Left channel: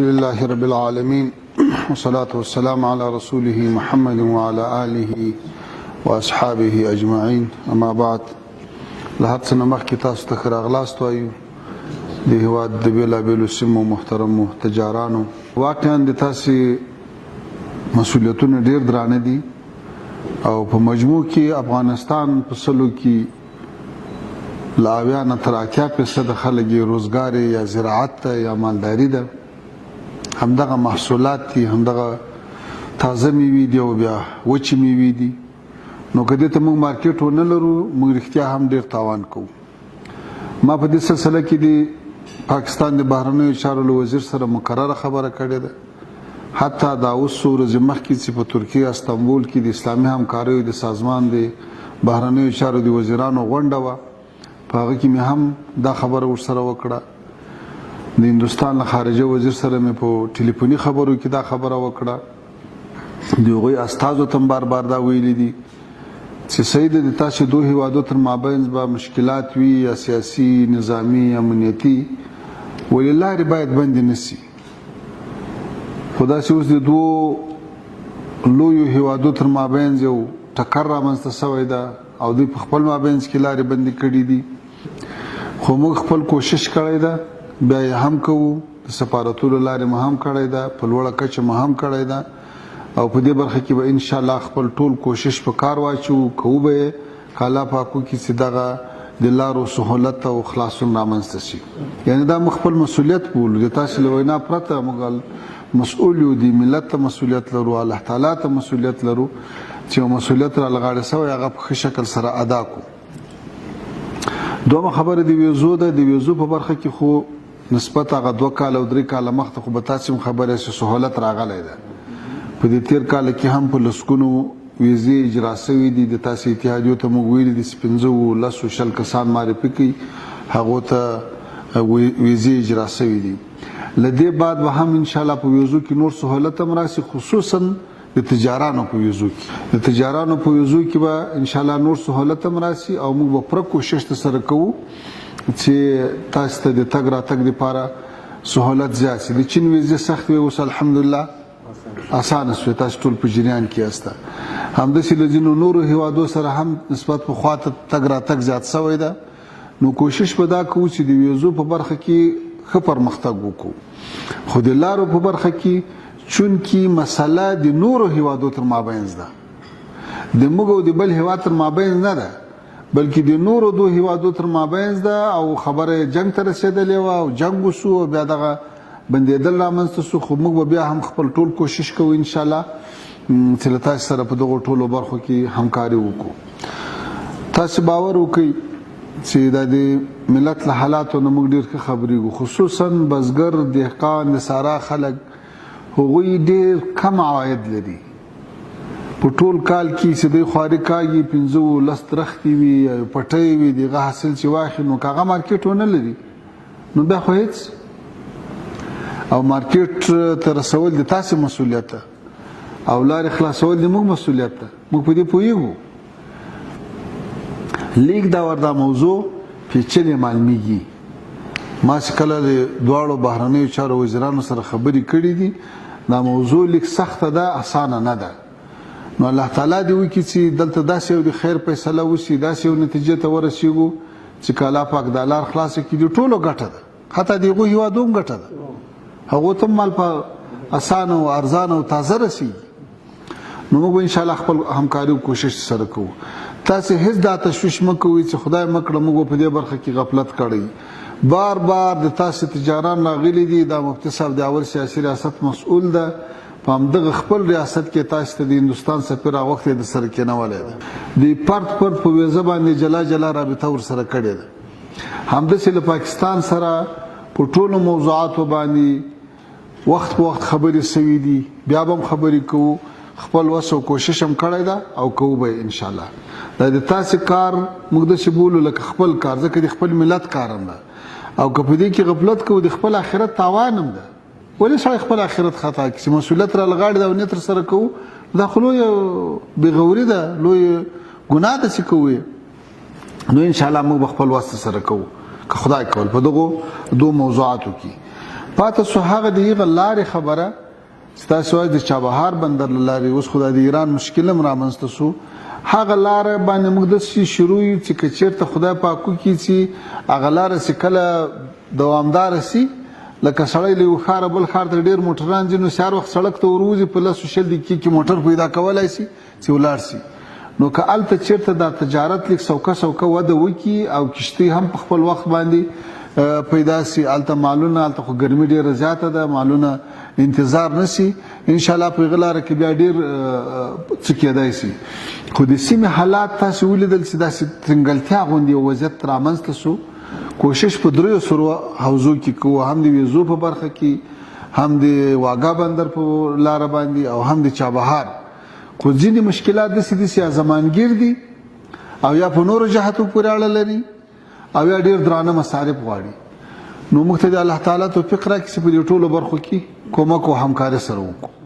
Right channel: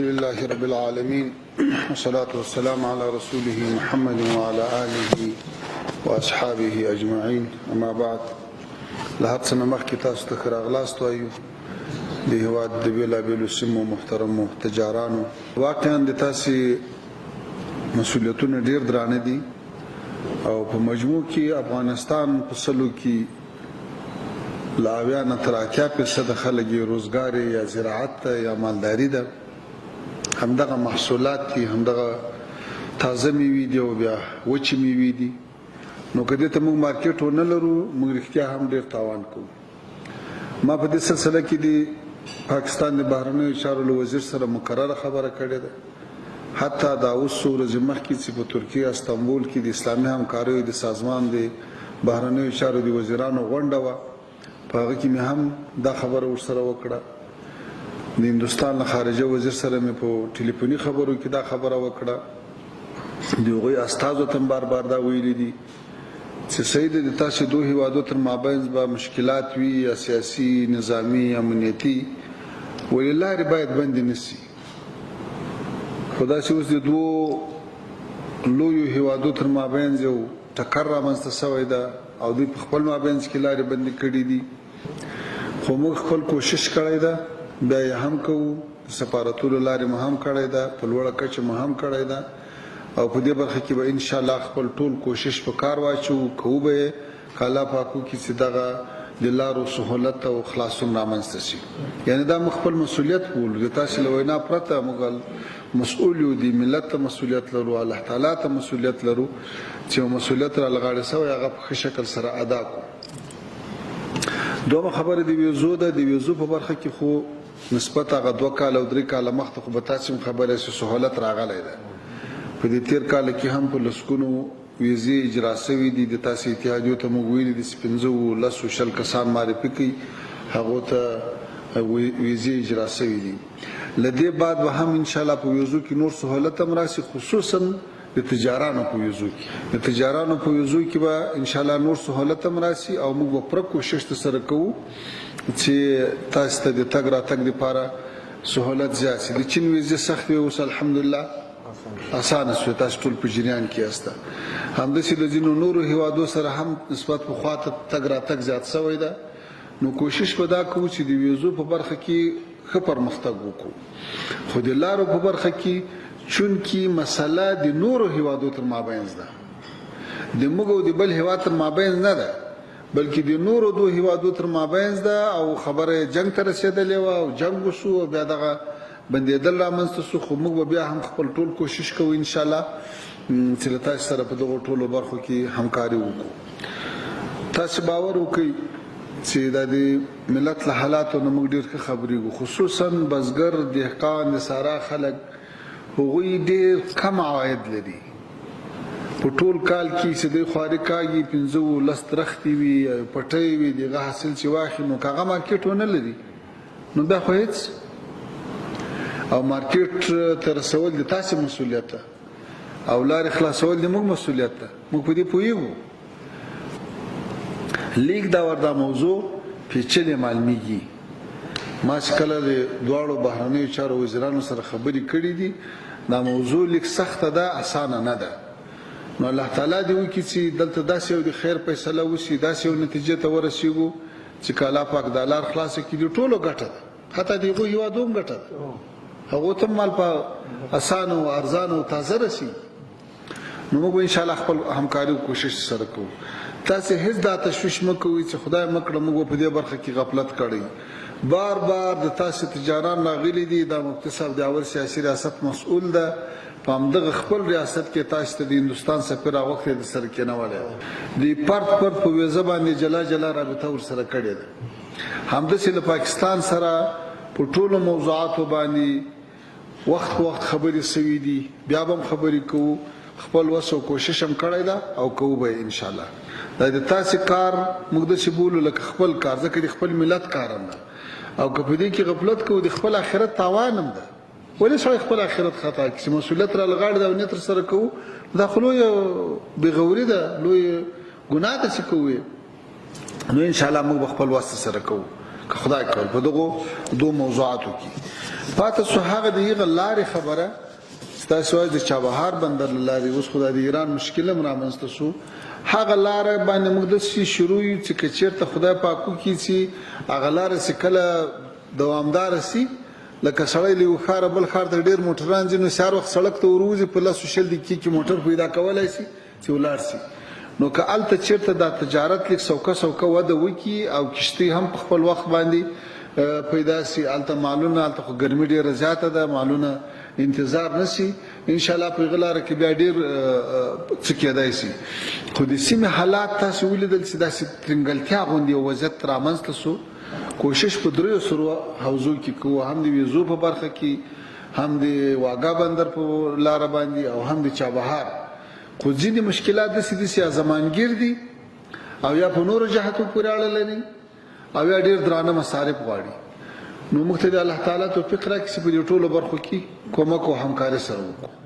لله رب العالمين والصلاة والسلام على رسوله محمد وعلى آله وأصحابه أجمعين أما بعد لحد سنة مخکې تاسو ته ښه راغلاست وایو د هېواد د بېلابېلو سیمو محترمو تجارانو واقعا د تاسې مسؤلیتونه ډېر درانه دي او په مجموع کې افغانستان په سلو کې له 80 نه تر 80% خلک یې روزګار یا زراعت ته یا مالداري ده همدغه محصولات دي همدغه تازه میوې دي او بیا وچې میوې دي نو که دې ته موږ مارکیټ ونه لرو موږ رښتیا هم ډېر تاوان کوو ما په دې سلسله کې د پاکستان د بهرنیو چارو له وزیر سره مقرره خبره کړې ده حتی دا اوس څو ورځې مخکې چې په ترکیه استانبول کې د اسلامي همکاریو د سازمان د بهرنیو چارو د وزیرانو غونډه وه په هغه کې مې هم دا خبره ورسره وکړه د هندوستان له خارجه وزیر سره مې په ټلیفوني خبرو کې دا خبره وکړه د هغوی استازو ته هم بار بار دا ویلي دي چې صحیح ده د تاسې دوه هیوادو تر مابین به مشکلات وي یا سیاسي نظامي امنیتي ولې لارې باید بندې نه سي خو داسې اوس د دوو لویو هیوادو تر مابین یو ټکر رامنځته شوی ده او دوی په خپل مابینځ کې لارې بندې کړي دي خو موږ خپل کوشش کړی ده بیا یې هم کوو د سفارتونو لارې مو هم کړی ده په لوړه کچه مو هم کړی ده او په دې برخه کې به انشاءالله خپل ټول کوشش په کار واچوو کوو به یې که الله پاک وکړي چې دغه د لارو سهولت او خلاصون رامنځته شي یعنې دا موږ خپل مسؤلیت بولو د تاسې له وینا پرته موږ مسؤول یو د ملت ته مسؤلیت لرو الله تعالی ته مسؤلیت لرو چې یو مسؤلیت راله غاړې شوی هغه په ښه شکل سره ادا کړو دومره خبره د ویزو ده د ویزو په برخه کې خو نسبت هغه 2 کاله او 3 کاله مخته خو به تاسې هم خبره چې سهولت راغلی ده په دې تیر کال کې هم په لسګونو ویزې اجرا شوي دي د تاسې اتحادیو ته موږ ویلي دي چې 15 کسان معرفي کړي هغو ته ویزې اجرا شوي دي له دې بعد به هم انشاءالله په ویزو کې نور سهولت هم راشي خصوصا د تجارانو په ویزو کې د تجارانو په ویزو کې به انشاءالله نور سهولت هم راشي او موږ به پوره کوشش سره کوو چې تاسو ته د تګ راتګ لپاره سهولت زیات شي د چین ویزې سختې اوس الحمدلله اسانه شوه تاسو ټول په جریان کې یاست همداسې له ځینو نورو هیوادو سره هم نسبت پخوا ته تګ راتګ زیات شوی ده نو کوشش به دا کوو چې د ویزو په برخه کې ښه پرمختګ وکړو خو د لارو په برخه کې چونکې مسله د نورو هیوادو تر مابینځ ده د موږ او د بل هیواد تر مابینځ نه ده بلکې د نورو دوه هیوادو تر مابینځ ده او خبره جنګ ته رسېدلې وه او جنګ وشو او بیا دغه بندېدل رامنځته شو خو موږ به بیا هم خپل ټول کوشش کوو انشاءالله چې له تاسې سره په دغو ټولو برخو کې همکاري وکړو تاسې باور وکړئ چې دا د ملت له حالاتو نه موږ ډېر ښه خبرېږو خصوصا بزګر دهقان د سارا خلک هغوی ډېر کم عواید لري په ټول کال کې چې دوی خواري کاږي 15 درختې وي پټۍ وي د هغه حاصل چې واخلي نو که هغه مارکیټ ونه لري نو بیا خو هېڅ او مارکیټ ته رسول د تاسې مسؤلیت ده او لارې خلاصول د موږ مسؤلیت ده موږ په دې پوهېږو لیک دا وردا موضوع پیچلې معلومیږي ما چې کله د دواړو بهرنیو چارو وزیرانو سره خبرې کړې دي دا موضوع لیک سخته ده اسانه نه ده نو الله تعالی دې وکړي چې دلته داسې یو د خیر فیصله وشي داسې یو نتیجې ته ورسېږو چې که الله پاک دا لار خلاصه کړي د ټولو ګټه ده حتی د هغو هېوادو هم ګټه ده هغو ته مال په اسانه او ارزانه او تازه رسېږي نو موږ انشاءالله خپل همکاري او کوشش سره کوو تاسې هېڅ دا تشویش مه کوئ چې خدای مه کړه موږ په دې برخه کې غفلت کړی بار بار د تاسې تجاران راغلي دي دا مفتي صاحب د اول سیاسي ریاست مسؤول ده په همدغه خپل ریاست کې تاسو ته د هندوستان سفیر هغه وخت یې د سره کېنولی ده د پرت په ویزه باندې جلا جلا رابطه ورسره کړې ده همداسې د پاکستان سره په ټولو موضوعاتو باندې وخت په وخت خبرې شوي دي بیا به هم خبرې کوو خپل وس او کوشش هم کړی ده او کوو به انشاءالله دا د تاسې کار موږ داسې بولو لکه خپل کار ځکه د خپل ملت کار هم ده او که په دې کې غفلت کوو د خپل آخرت تاوان هم ده ولې سړی خپل آخرت خطا کړي چې مسؤلیت راله غاړې ده او نیت سره کوو دا خو لویه بېغوري ده لویه ګناه ده چې کوو نو انشاءالله موږ به خپل وس سره کوو که خدای کول په دغو دوه موضوعاتو کې پاتې سو هغه د یغه لارې خبره ستاسو د چابهار بندر لارې اوس خو د ایران مشکل هم رامنځته سو هغه لاره باندې موږ د شروع یو چې چیرته خدای پاک کوي چې هغه لاره چې کله دوامدار سي لکه سړی له خار بل خار ته ډیر موټران ځینو سار وخت سړک ته وروزي په لاسو شل دقیقې کې موټر پیدا کولای شي چې ولار سي نو که الته چیرته د تجارت لیک سوکه وده وکي او کشتي هم په خپل وخت باندې پیدا سي الته مالونه الته خو ګرمي ډیره زیاته ده مالونه انتظار نسی ان شاء الله په غلاره کې بیا ډیر څه کېدای شي خو د سیمه حالات تاسو ولیدل چې د څنګهلتیا غوندي وضعیت رامنځته سو کوشش په درو سرو حوزو کې کوو هم د ویزو په برخه کې هم د واګا بندر په لار باندې او هم د چابهار خو ځینې مشکلات د سیاسي زمانګیر دي او یا په نورو جهاتو پورې اړه لري او یا ډیر درانه مصارف غواړي نو موږ ته د الله تعالی توفیق راکړي چې په دې ټولو برخو کې کومک او همکاري سره وکړو